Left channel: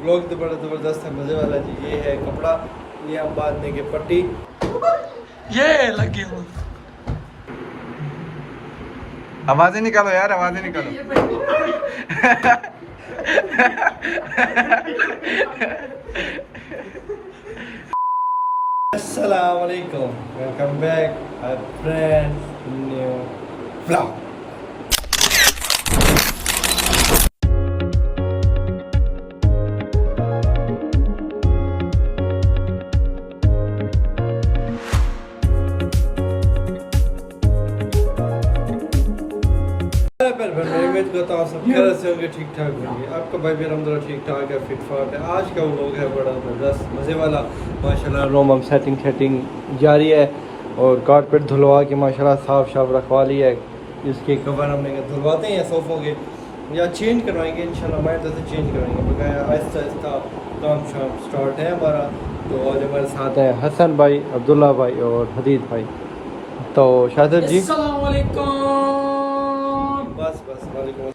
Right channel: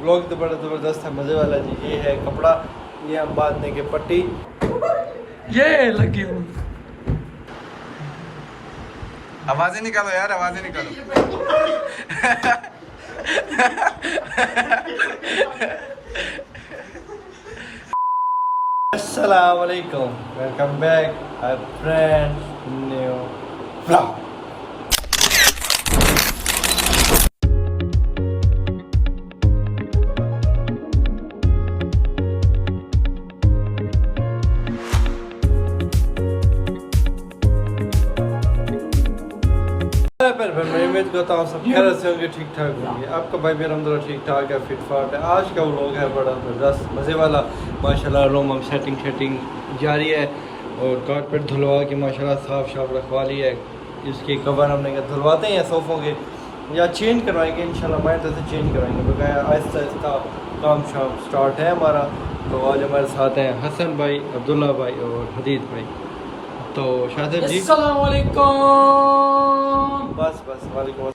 Blog तो बड़ा ज़बरदस्त है, मज़े वाला जी। ये है कपड़ा, ये हम बांधने के पट्टी, ये लगी हूँ। आवाजें निकालो यार, आवाजें निकालो। अस्सलाम वालेकुम, welcome back our friend new blog. मैं उम्मीद करता हूँ सब खैर से होंगे, ठीक ठाक होंगे। आपका भाई भी अलहम्दुलिल्लाह ठीक ठाक है, फिट फाट है। आज का वो लोग है बड़ा ज़बरदस्त मज़े वाला माशाल्लाह। रूम हम सेटिंग जारी है और कारपेट धुलवा के माशाल्लाह साफ शाफ रखवा लिया है। इसके कवर हमने कहा धुलवाते हैं सोफ़ों के या चेंज करवाएंगे इंशाल्लाह। मैं तो चेंज करवाएंगे बकाया आहिस्ता आहिस्ता काम शाम स्टार्ट है हमारा। तो आज हमारे साथ हैं हसन भाई, अब्दुल्ला भाई और हदीद भाई। तो शाहिद जी बस वालेकुम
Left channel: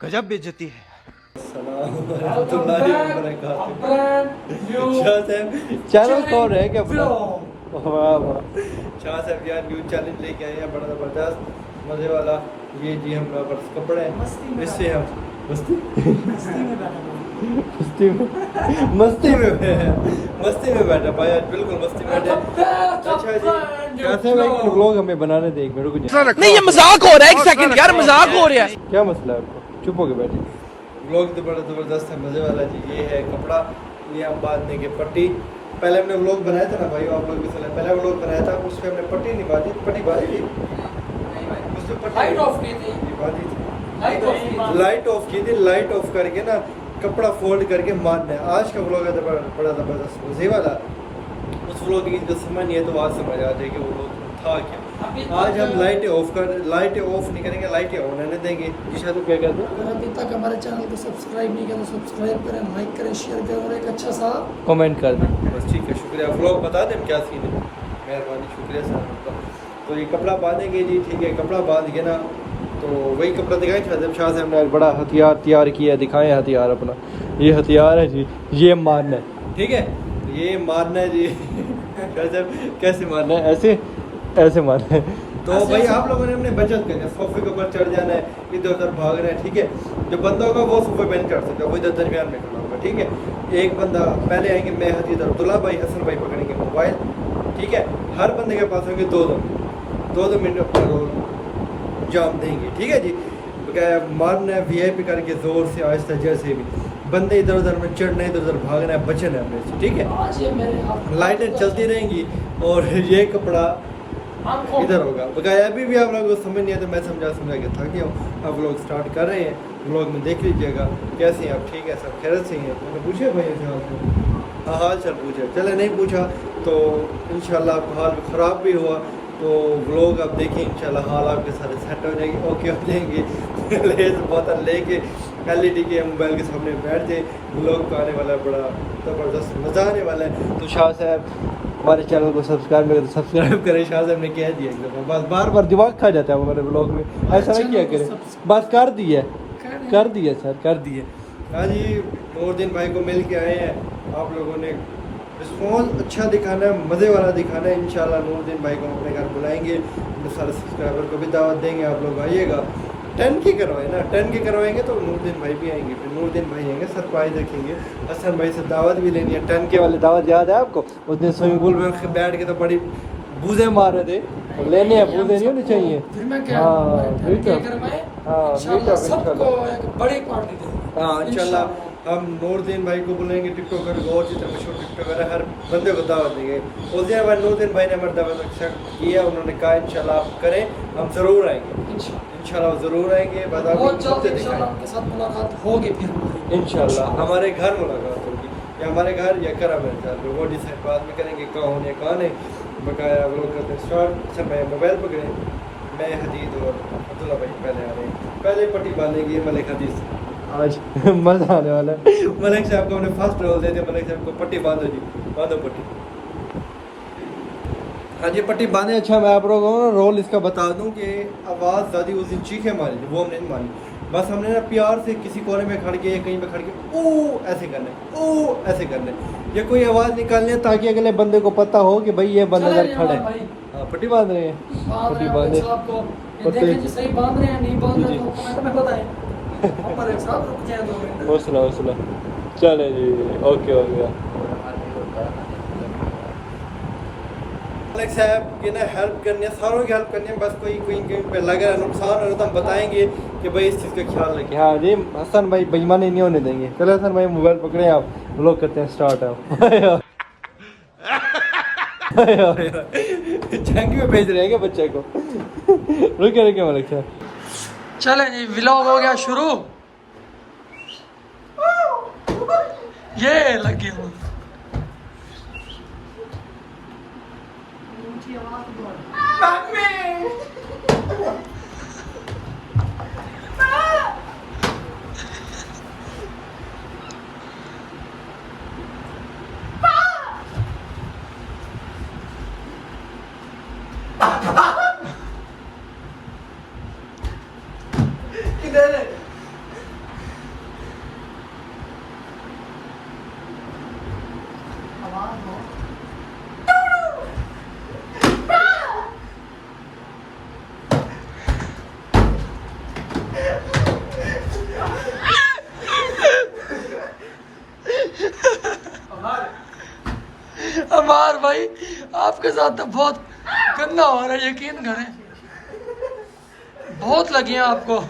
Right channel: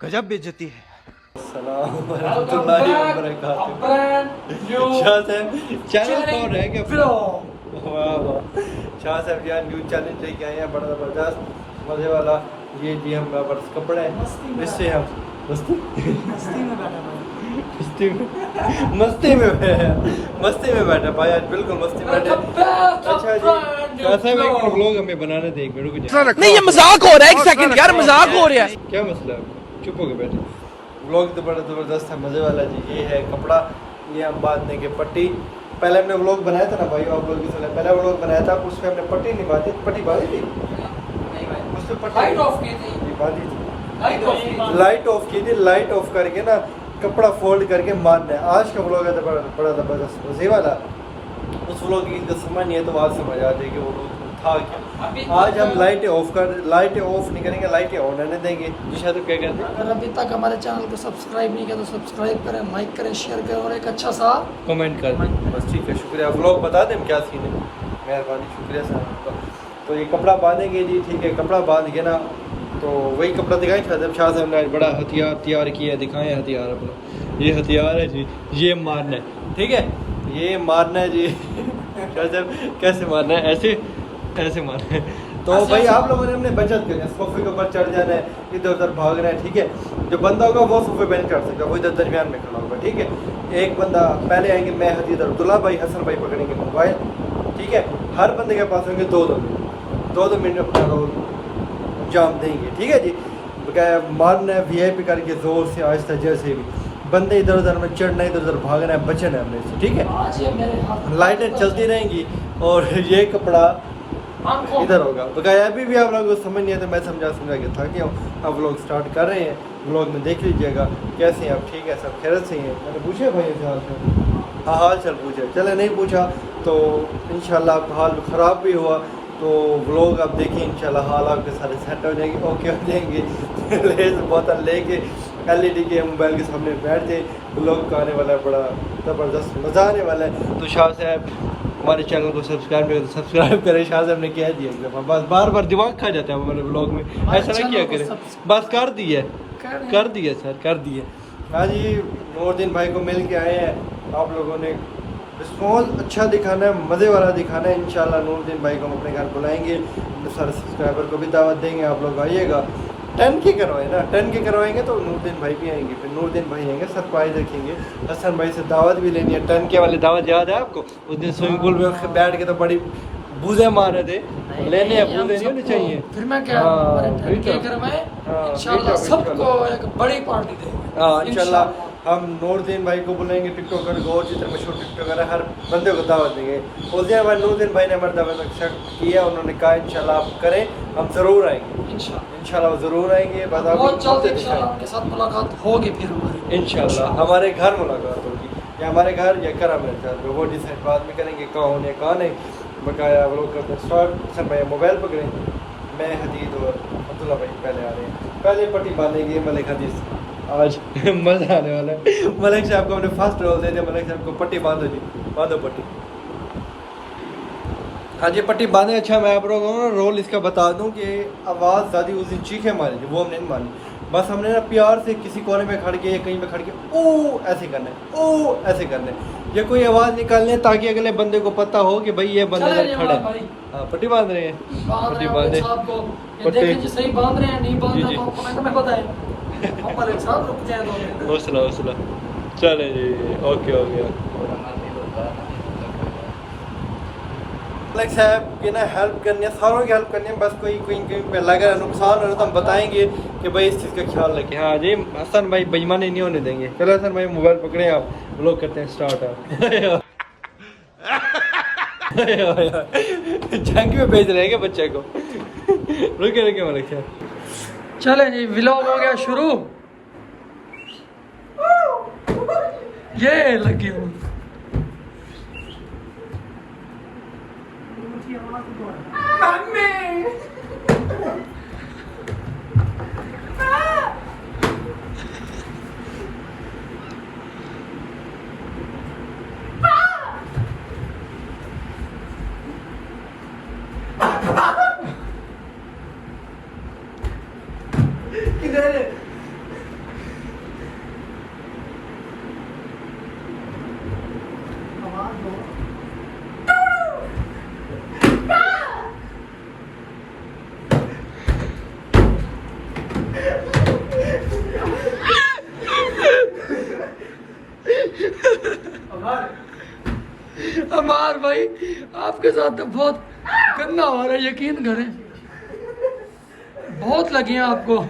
गजब बेइज्जती है। अस्सलाम वरहमतुल्लाहि वबरकातुहू। शाह साहब चैनल कौन है क्या? वाह वाह, शाह साहब यार न्यू चैलेंज लेके आए हैं बड़ा ज़बरदस्त मज़े वाला। ये जी हम बस कपड़े हैं, इससे हम मस्ती में बैठा भाई, आज बिल्कुल मस्ती में बैठे। अच्छा जी शाह साहब एक व्लॉग हमें बनाने दे, एक मिनट रुक जाइए। नहीं ये मजाक हो रहा है, एक सेकंड यार, मजाक हो रहा है। क्या मसला है आपको? चुप हो के बैठे। व्लॉग तो बड़ा ज़बरदस्त है मज़े वाला जी। ये है कपड़ा, ये हम बांधने के पट्टी। पहले हमने व्लॉग बनाया था ना भाई, आप लोग भी सुने, पहले व्लॉग बनाया था उस पर हमने पट्टी नहीं बांधी, पट्टी बांधी थी उस पर पट्टी लाइट ऑफ की थी, बांधी थी, लाइट ऑफ की थी। लाइट ऑफ करके ना कपड़ा फोल्ड करके मारना है। आज का व्लॉग है तो बड़ा ज़बरदस्त मज़े वाला। उस व्लॉग की जो समझ नहीं है तो आज समझ आ जाएगी वो लोग था क्या। आज हम लाइटें ऑफ नहीं करेंगे, लाइटें ऑन रहने देंगे। जी शायद क्या करते हैं? अगर अभी तक हमारे चैनल को सब्सक्राइब नहीं किया तो सब्सक्राइब करें, लाइक करें, शेयर करें और एक अच्छा सा कमेंट कर दें बस। ठीक है, शुक्रिया। व्लॉग बता दें क्या सीन है, मेहरबानी, शुक्रिया सर आपका। तो ये कपड़ा बांधेंगे जी, ठीक है। कपड़ा बांध के ना तो वही कपड़ा दिखाएं शाह साहब ने बड़ा हथियार तैयार किया है, दिखाएं हथियार अपना। ये हथियार है जी, ये मारना है, ठीक है, ये मारना है जी। शाह साहब कैसे मारना है? ऐसे मारना है। तो भाई आप लोगों ने हमने बचत करनी है, सोफे के ऊपर चढ़ जाना है, इधर उधर भागना है, ठीक है। जो बंदा होगा वो सोफे पे नहीं चढ़ सकता, वो इधर दरमियान में खड़ा होगा, ठीक है। एक बंदा पहले आएंगे, मैं, हदीद, अब्दुल्ला भाई, हसन भाई पकड़ेंगे मोबाइल, ठीक है। हर बंदे के पास होंगे 2-2 मिनट अपना रोल अंजाम देंगे, ठीक है जी। बकाया मारना है VIP करके जोर से आहिस्ता, जैसे भी बंदे इधर उधर में चढ़ना है, इधर उधर भागना है, बचना है हमने से, ठीक है। लाइटें चलती रहेंगी और ये कपड़ा इधर होगा। बकाया अभी भी आप लोगों को समझ नहीं है तो मैं समझा के थक गया हूँ। अब लोग स्टार्ट कर रहे हैं, व्लॉग में देख लीजिएगा कैसे हैं आप, ठीक है, सब खैरियत से हैं। मैंने पूछे भाई से, हाँ हाल चल पूछे, चले नहीं पूछा तो इंशाल्लाह हाल ख़राब भी हुआ तो व्लॉग आप देखिए इंशाल्लाह हाल आपके सारे सेट हो जाएंगे, ओके हो जाएंगे। लेस बोतल लेके LED के मोबाइल के सामने बैठ जाए, व्लॉग का आने वाला है बड़ा ज़बरदस्त मज़ा आने वाला है। तो शाह साहब हमारे चैनल को सब्सक्राइब नहीं करें तो सब्सक्राइब करें। शाह साहब ने कह दिया एक दफ़ा, बस बार दिमाग खा जाता है हमारे व्लॉग में, ऐसा ना किया करें, बस कर दिया सर, कर दिए। आज ही नूरदीन भाई को मिल के आए हैं, आप लोगों ने रिस्पॉन्स अच्छा दिखाना है, मज़े वाला दिखाना है। इंशाल्लाह नूरदीन भाई को हम अपने घर बुलाएंगे, हम सारे सब्सक्राइबर को भी दावत देंगे, आप लोग आइएगा। 10 के करवाए ना, 10 के करवाएंगे तो नूरदीन भाई भी आएंगे, फिर नूरदीन भाई आएंगे, सरप्राइज रखेंगे। हसन भाई से दावत भी लेनी है, 10 के वाली दावत याद है आपको? उस दिन स्विमिंग पूल में बैठ के तो बड़ी बूझे मार रहे थे, लेने हैं, बूझे नहीं होने चाहिए। फिर मैं क्या बड़ी पार्टी दे। हाँ इंशाल्लाह हम नूरदीन भाई को बुलाएंगे, टिकटॉकर को, और जितने मशहूर टिकटॉकर है हर बंदे को दावत देंगे। उस दिन भाई नूरदीन भाई ने हमारी दावत एक्सेप्ट किया, उन्होंने कहा इंशाल्लाह आप करें, हम ज़रूर आएंगे, इंशाल्लाह ज़रूर आएंगे। बस उनके साथ मुलाकात होगी, फिर इंशाल्लाह हमारे घर मुलाकात होगी, या हमारे घर या करा मेरे घर में, वो डिसाइड बाद में करेंगे कौन है कौन है। बकाया व्लॉग करते हैं स्टार्ट। सब भाई मोबाइल पकड़ें, मैं, हदीद और अब्दुल्ला भाई पहले आ रहे हैं। पहले पट्टी बांधेंगे मलिक हदीद, आज मज़ा आने वाला है। मलिक साहब को हमने फर्स्ट रोल दे दिया, मलिक साहब को पट्टी बांधो जी, बांधो पट्टी। हाँ जी पट्टी बांधे। अच्छा मैं आप लोगों को रोल इसका बता दूं कि आवाज़ दादी उस दिन चीखें मारी थी, वो हमने नहीं मानी। बस हमने ना प्यार से किसी कोने में खड़ के या कहीं पे खड़ के ओ ऐसे करना है, ओ ऐसे करना है, या कोई आवाज़ निकालनी है ताकि अगले बंदे को पता हो कि भाई ये बंदा चले इधर खड़ा अमार भाई। है। हाँ पट्टी बांध रहे हैं, बांध पट्टी रहे हैं बांधे साहब को, ये पट्टी। देखें जी सही बांध रहे हैं नहीं बांध जी, रहे जी। तो कमेंट में बताएं। हम मलिक साहब रुकते हैं 2 मिनट। हौसला हौसला, चले जी, ओके हो गया। मलिक साहब की ना हेल्प करनी है, सारों की हेल्प करनी है, बस कोई कोई कोई पे लगा नुकसान हो रहा तो हम बताएंगे कि भाई इस चीज़ का ख्याल रखें। हाँ जी हसन भाई बेईमानी नहीं होने देंगे। चलो हसन भाई मोबाइल पकड़े, आप व्लॉग करते हैं स्टार्ट। आप जंग में भेज रहे हैं क्या बच्चे को? रुके रुके मलिक साहब। चले जी व्लॉग हो गया शुरू। ये लगे हो अमार भाई, आपके साथ तो बहुत गंदा हो रहा है, यकीन करें। बहुत लगे हैं आपको।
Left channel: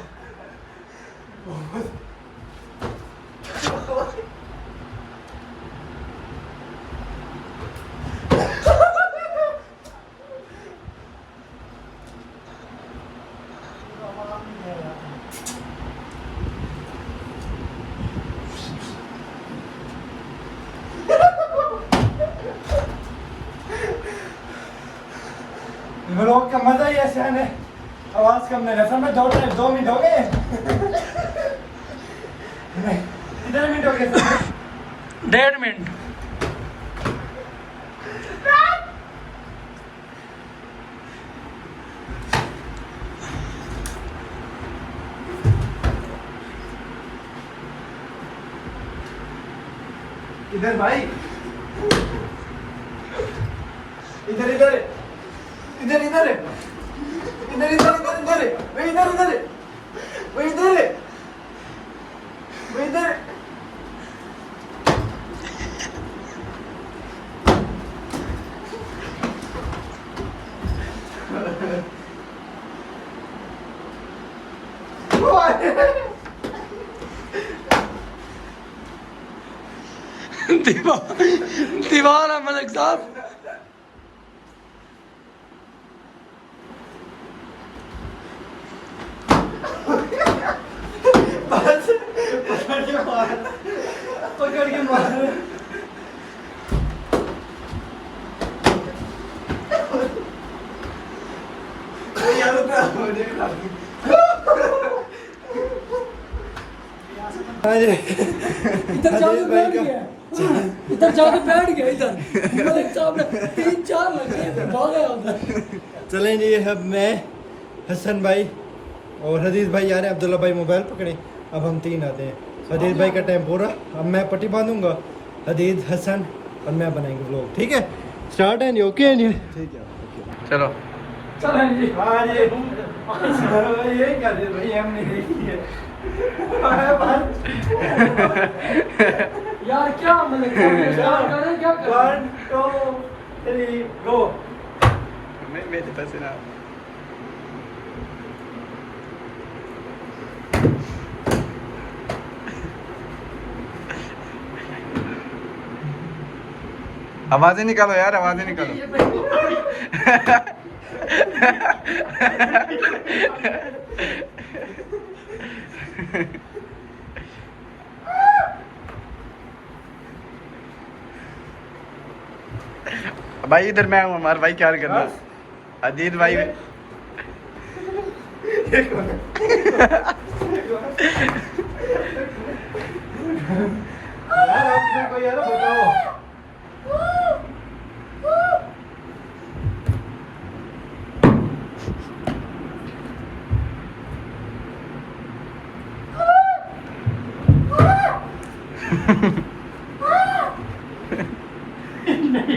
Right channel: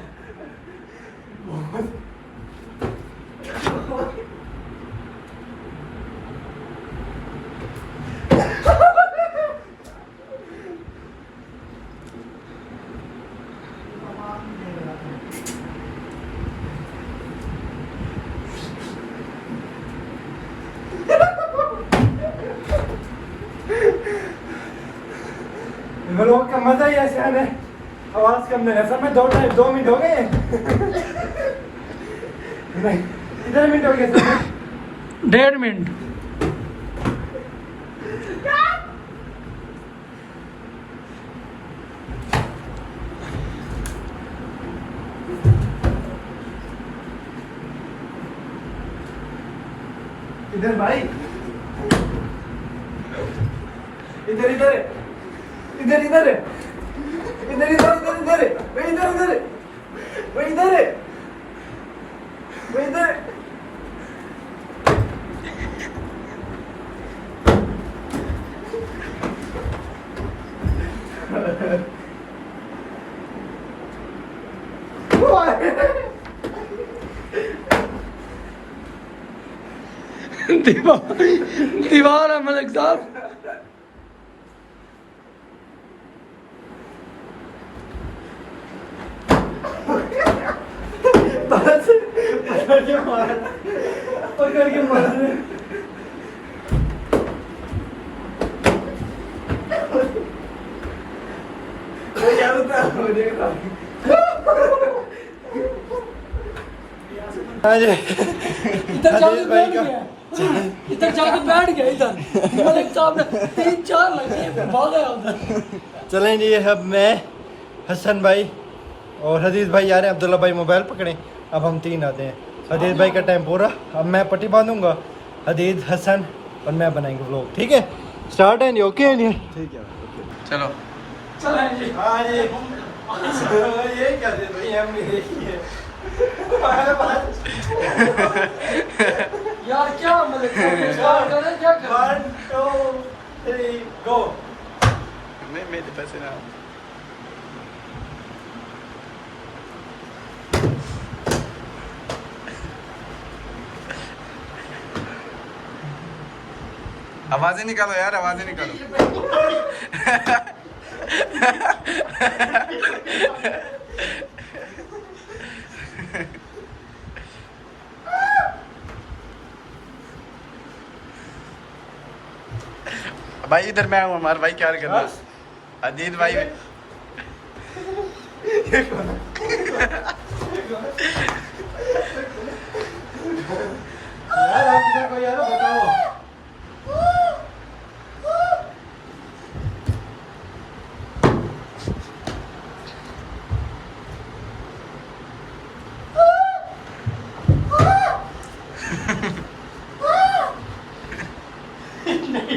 व्लॉग का मजा ही ऐसे आना है, आवाज कम नहीं है। असल में 2 मिनट हो गए। नहीं, कितने मिनट हो गए? 1.5 मिनट। इधर भाई, इधर इधर इधर इधर इधर इधर इधर इधर वही इधर इधर वही इधर वही इधर। दीवार है मलिक साहब। बस पकड़ के मार, पकड़ के मार। यार हाँ जी इधर जाके बैठ गया, इधर जाके बैठ गया। इधर मलिक साहब ने 3-4 लगे फिर भागा उधर। चलें जी, अब मैं हसन भाई और हदीस भाई आ रहे हैं। अब्दुल्ला भाई मोबाइल पकड़े, अब हम 3 आते हैं। हदीस भाई का टाइम पूरा, अब मैं पट्टी बांधूंगा, हदीस हसन और मैं बनाएंगे व्लॉग। ठीक है, स्टार्ट है जी? ओके है जी? ठीक है ओके चलो चलें जी। हाँ जी, ये क्या दे भाई, हमने देखी है। यार क्या मलिक साहब स्टार्ट करें, क्या करें? 1 2 3 गो। मेरे पास ना आवाजें निकालो यार, आवाजें निकालो। भाई इधर मैं हूँ, हमारा भाई क्या करना। अजीत भाई यार आप किधर को यार बताओ।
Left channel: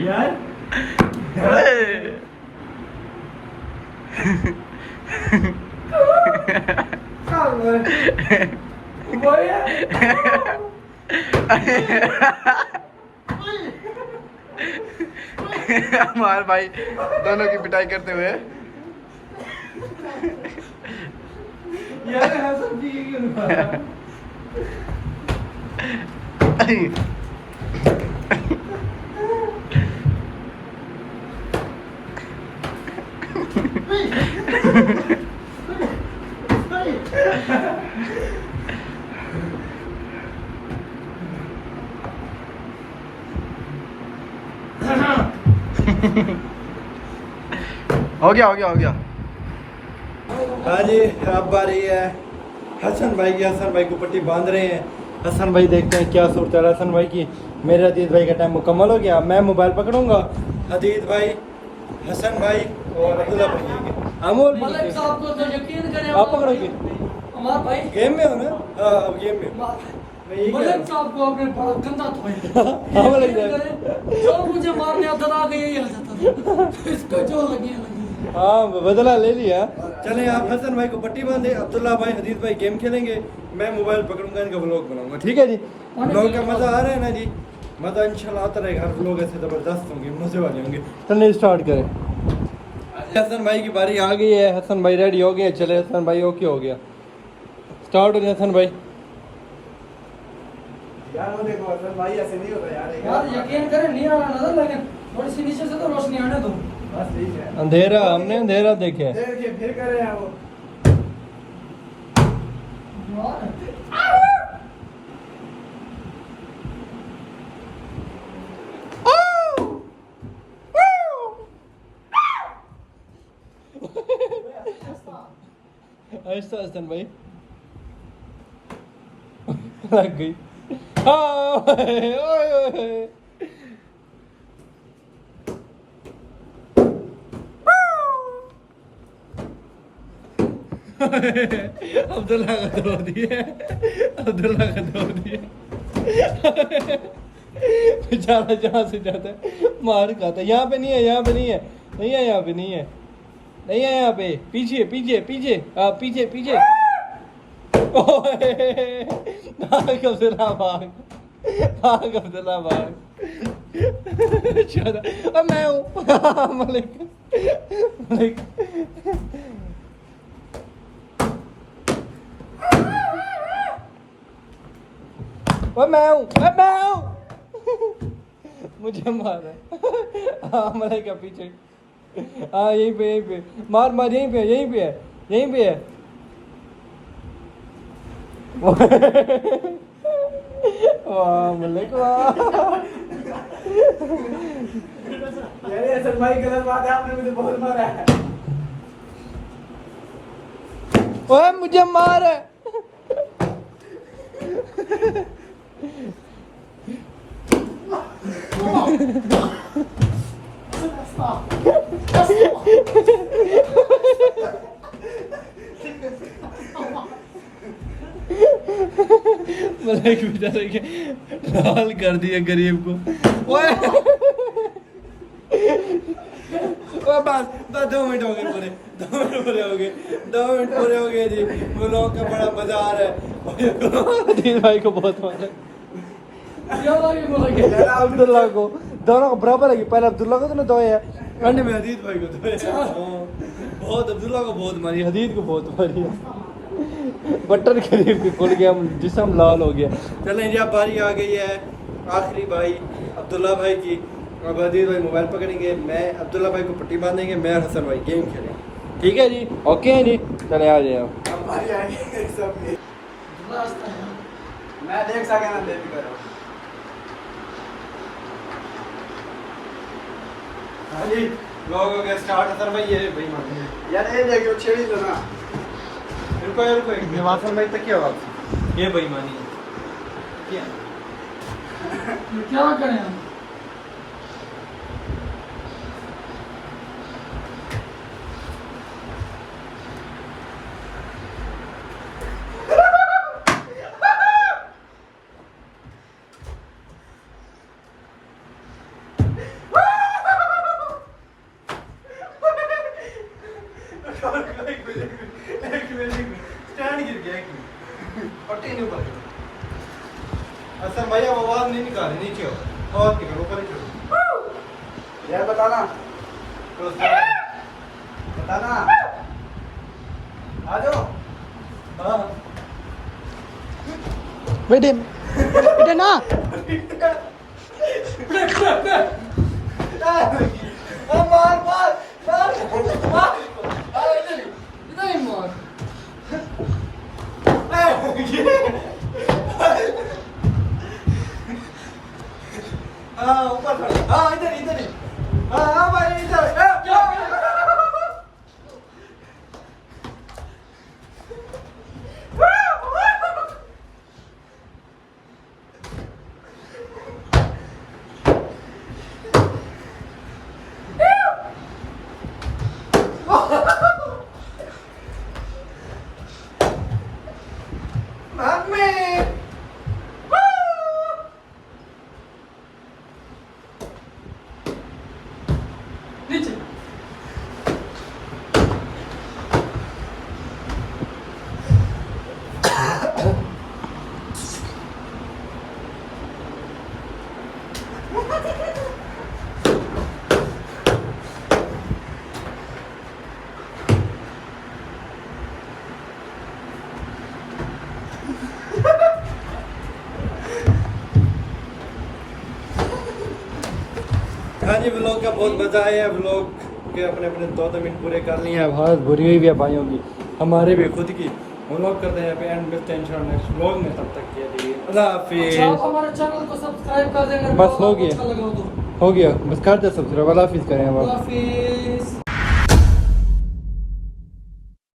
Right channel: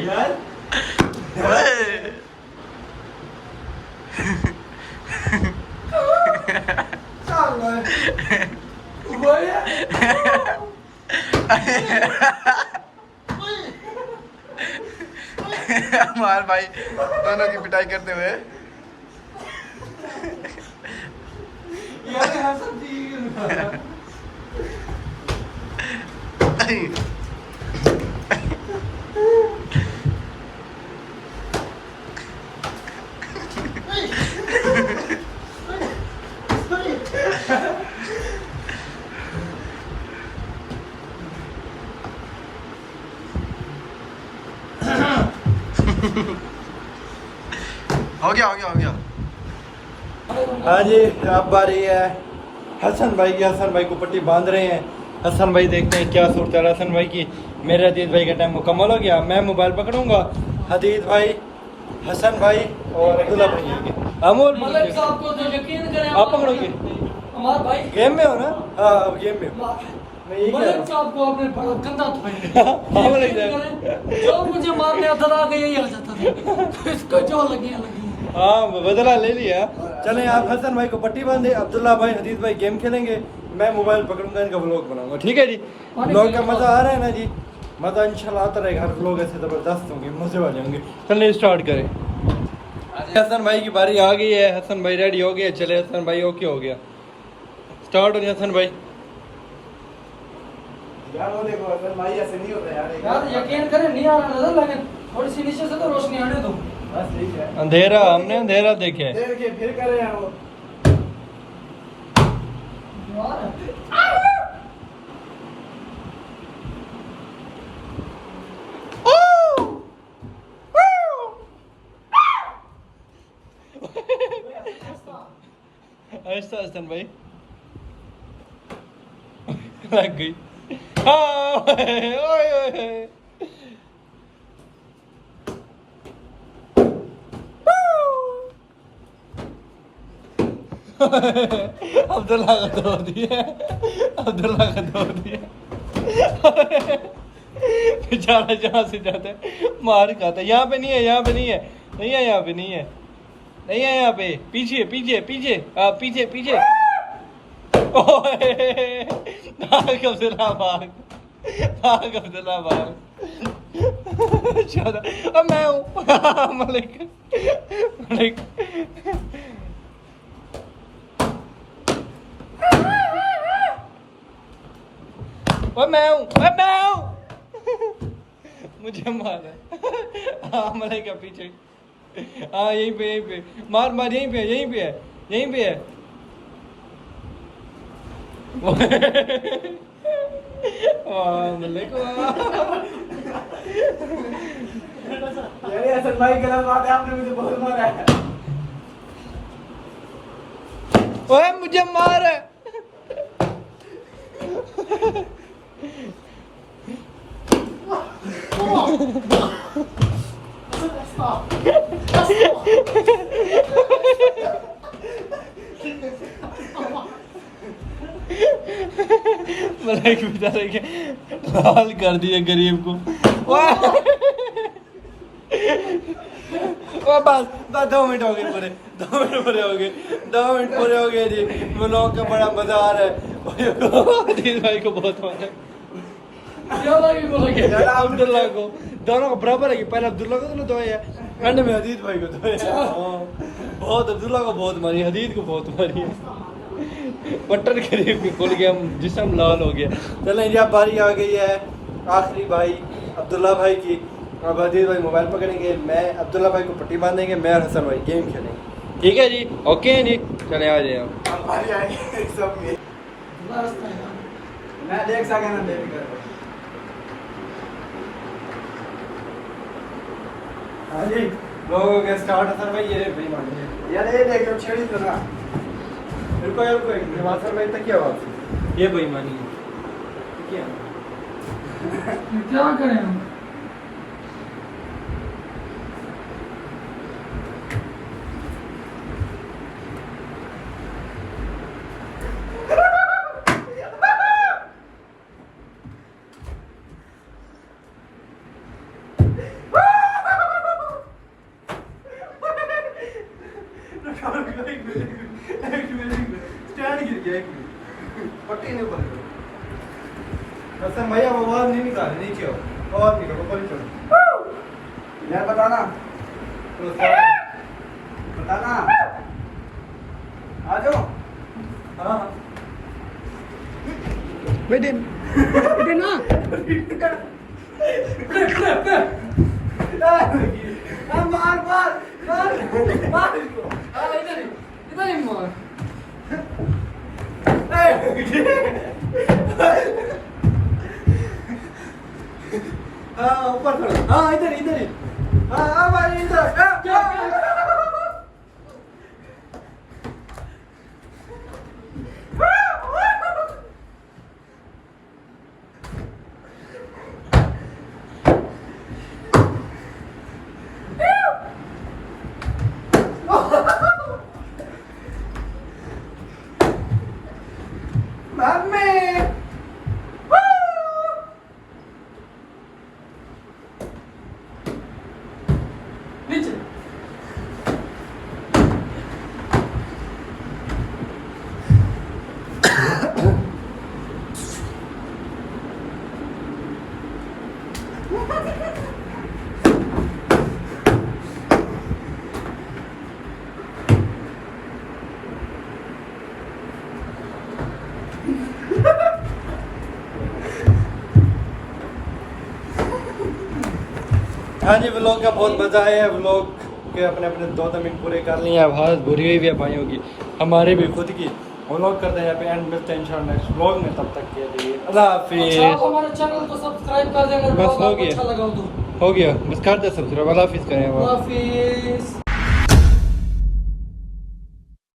यार ओए हमारे भाई दोनों की पिटाई करते हुए यार हसन जी क्यों हो गया हो गया हो गया। हाँ जी अब बारी है हसन भाई की। हसन भाई को पट्टी बांध रहे हैं। हसन भाई देखते हैं क्या सूरत है हसन भाई की। मेरे हदीद भाई का टाइम मुकम्मल हो गया। मैं मोबाइल पकड़ूंगा, हदीद भाई, हसन भाई और अब्दुल्ला भाई आएंगे। अमोल भी मलिक साहब को तो यकीन करें आप पकड़ोगे? हमारे भाई गेम में हो ना? हाँ अब गेम में हो। मैं यही कह रहा मलिक साहब को आपने बड़ा गंदा हूँ। था। हाँ मलिक साहब। जो मुझे मारने आता था आगे यही आ जाता था। तो इसको जो लगी हाँ बदला ले लिया। चलें आप हसन भाई को पट्टी बांधे, अब्दुल्ला भाई हदीद भाई गेम खेलेंगे, मैं मोबाइल पकड़ूंगा, इनका व्लॉग बनाऊंगा। ठीक है जी? व्लॉग का मज़ा आ रहा है ना जी? मज़ा इंशाल्लाह आता रहेगा। हर व्लॉग ऐसे ज़बरदस्त होंगे, मज़े वाले होंगे। चलिए स्टार्ट करें। हसन भाई की बारी आ गई है। हसन भाई रेडी हो गए। चले हसन भाई ओके हो गया। स्टार्ट हो गया हसन भाई। यार वो देखो अगर भाई ऐसे नहीं होता यार यार यकीन करें नहीं आ रहा नजर, लेकिन थोड़ी सी नीचे से तो रोशनी आने दो। बस ठीक है। अंधेरा, हमने अंधेरा देखे है। देखिए फिर कर रहे हैं वो। ऐसा हसन भाई लग गई। हाँ, ओए, ओए, ओए। अब्दुल्ला का तोड़ दिया, अब्दुल्ला का तोड़ दिया। बेचारा जहाँ से जाता है मार खाता है। यहाँ पे नहीं है, यहाँ पे नहीं है, नहीं है, यहाँ पे नहीं है, नहीं है यहाँ पे। पीछे पीछे पीछे, हाँ पीछे पीछे। ओए भाग अब्दुल्ला भाग, भाग अब्दुल्ला भाग। अब मैं हूँ मलिक, मलिक। और मैं हूँ मुझे मारा। हाँ मलिक का पीछे। हाँ यहीं पे, यहीं पे मार मार, यहीं पे, यहीं पे है, यहीं पे है। वाह मलिक वाह। अरे हसन भाई गलत बात है, आपने मुझे बहुत मारा है। ओए मुझे मार। मलाइक बेचारे के लाल कर दिए गरीब को। ओए बस 2 मिनट हो गए पूरे, 2 मिनट पूरे हो गए, 2 मिनट पूरे हो गए जी। व्लॉग का बड़ा मजा आ रहा है। अदील भाई को बहुत मजा, अब्दुल्ला को, दोनों को बराबर है। पहले अब्दुल्ला को तो धोया है, एंड में हदीद भाई को धोया। बहुत अब्दुल्ला को बहुत मारी, हदीद को बहुत मारी है। बटन खरीद के खुल गया, जिस्म लाल हो गया। चलें जी अब बारी आ गई है आखिरी भाई अब्दुल्ला भाई की। अब हदीद भाई मोबाइल पकड़ेंगे, मैं अब्दुल्ला भाई को पट्टी बांधेंगे, मैं और हसन भाई गेम खेलेंगे। ठीक है जी? ओके हैं जी? चले आ जाए आप। हमारी आएंगे सब ये। मैं देख सके ना देख कर। हाँ जी लोग हो गया स्टार्ट। हसन भाई ये भाई मांगे यार ये देखो छेड़ी तो ना। रुको रुको एक मिनट, वापस भाई तक क्या वापस ये बेईमानी है। क्या करें हम? स्टैंड गिर गया एक पट्टी नहीं ऊपर हसन भाई अब आवाज नहीं निकाल नीचे हो आवाज निकाल ऊपर ही चढ़ो यार बताना तो बताना आ जाओ हाँ बेटे बेटे ना मार मार मार मार इधर ही मार हाँ ऊपर चढ़ो हाँ इधर इधर ही हाँ भाई इधर नीचे हाँ जी व्लॉग का बहुत मज़ा आया है व्लॉग के अपने अपने 2 मिनट पूरे कर लिए अब हालत बुरी हुई भी है भाइयों की हमारे भी खुद की व्लॉग करते हैं यहाँ पे एंड मिलते हैं इंशाल्लाह नेक्स्ट व्लॉग में तब तक के लिए अल्लाह हाफिज़ आप हमारे चैनल को सब्सक्राइब कर देना बस हो गया। अच्छा लगा हो तो हो गया बस कर दे सब्सक्राइब अल्लाह हाफिज़ करें अब अल्लाह हाफिज़